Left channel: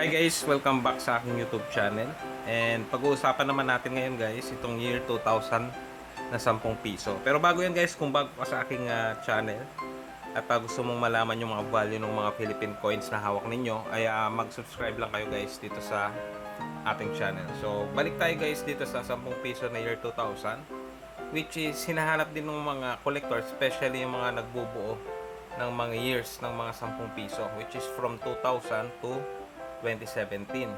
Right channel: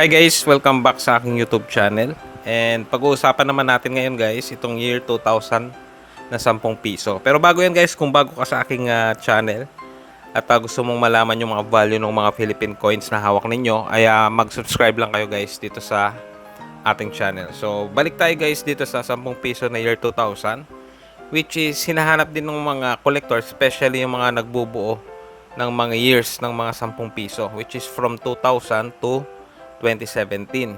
Hi guys, welcome back sa aking YouTube channel. And pag-uusapan naman natin ngayon guys, itong year 2000 na 10 piso. Pero bago yan guys, kung bago ka sa aking channel at gusto mong malaman yung mga value ng mga Philippine coins na hawak ninyo, ay mag-subscribe lang kayo guys dito sa ating channel. So balik tayo guys dito sa 10 piso na year 2000, which is hinahanap din ng mga collectors, especially yung mga nagbubuo ng mga years ng mga 10 piso, which is from 2000 to 2017.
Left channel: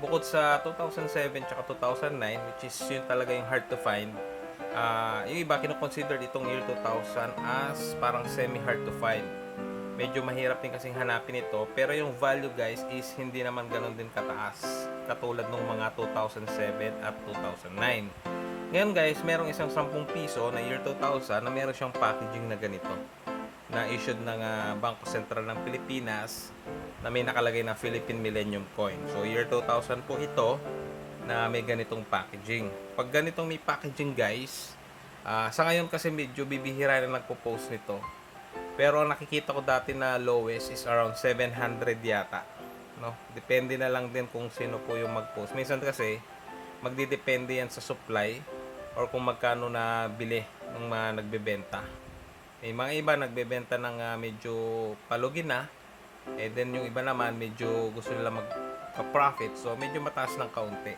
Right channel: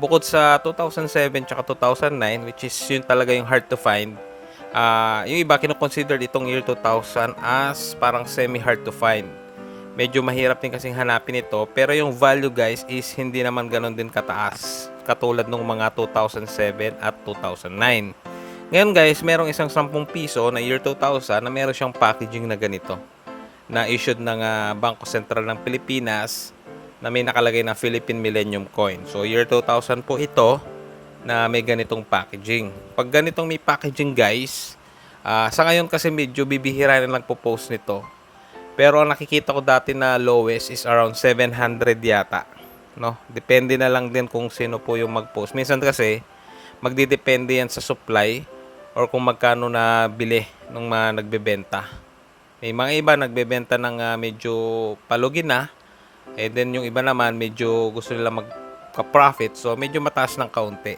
Bukod sa 2007 tsaka 2009, which is yun talaga yung hard to find, yung iba kinoconsider itong year 2000 as parang semi-hard to find. Medyo mahirap din kasing hanapin ito, pero yung value guys is hindi naman ganun din kataas katulad ng mga 2007 at 2009. Ngayon guys, merong isang 10 piso na year 2000 na meron siyang packaging na ganito, na issued ng Bangko Sentral ng Pilipinas, na may nakalagay na Philippine Millennium Coin. So year 2000 po ito na may ganitong packaging. Pag ganitong may packaging guys, sa ngayon kasi medyo bibihira na nagpo-post nito. Pero ang nakikita ko dati na lowest is around 700 yata. No? Depende na lang din kung sino po yung mag-post. Minsan kasi magdidepende yan sa supply or kung magkano na bili ng mga nagbebenta. May mga iba nagbebenta ng medyo palugin na. Then yung iba naman medyo gusto nila magka-profit, so medyo mataas ng kaunti.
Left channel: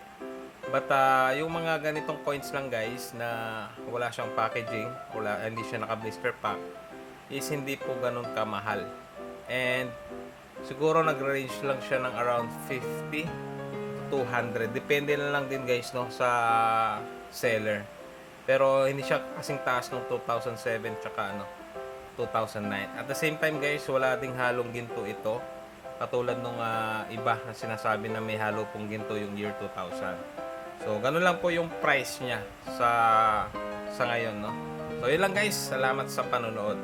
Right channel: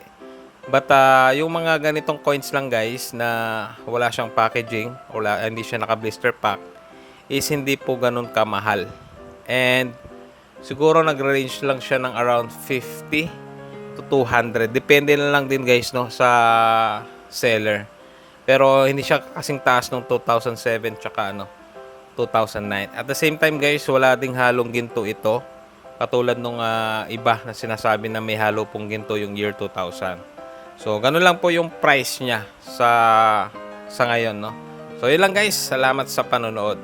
But yung mga ganitong coins lang guys na wala siyang packaging, hindi siya naka-blister pack, is hindi po ganun kamahal. And siguro nag-range lang siya ng around 50 to 200. Depende na lang din guys no sa seller. Pero hindi siya kasing taas ng 2007 tsaka 2009. At the same time guys, wala ding halong ginto ito. Katulad nung iba na sinasabi na may halo pong ginto yung year 2000. So, ganun lang po yung price niya sa ngayon, no? So, yun lang guys. Salamat sa panonood.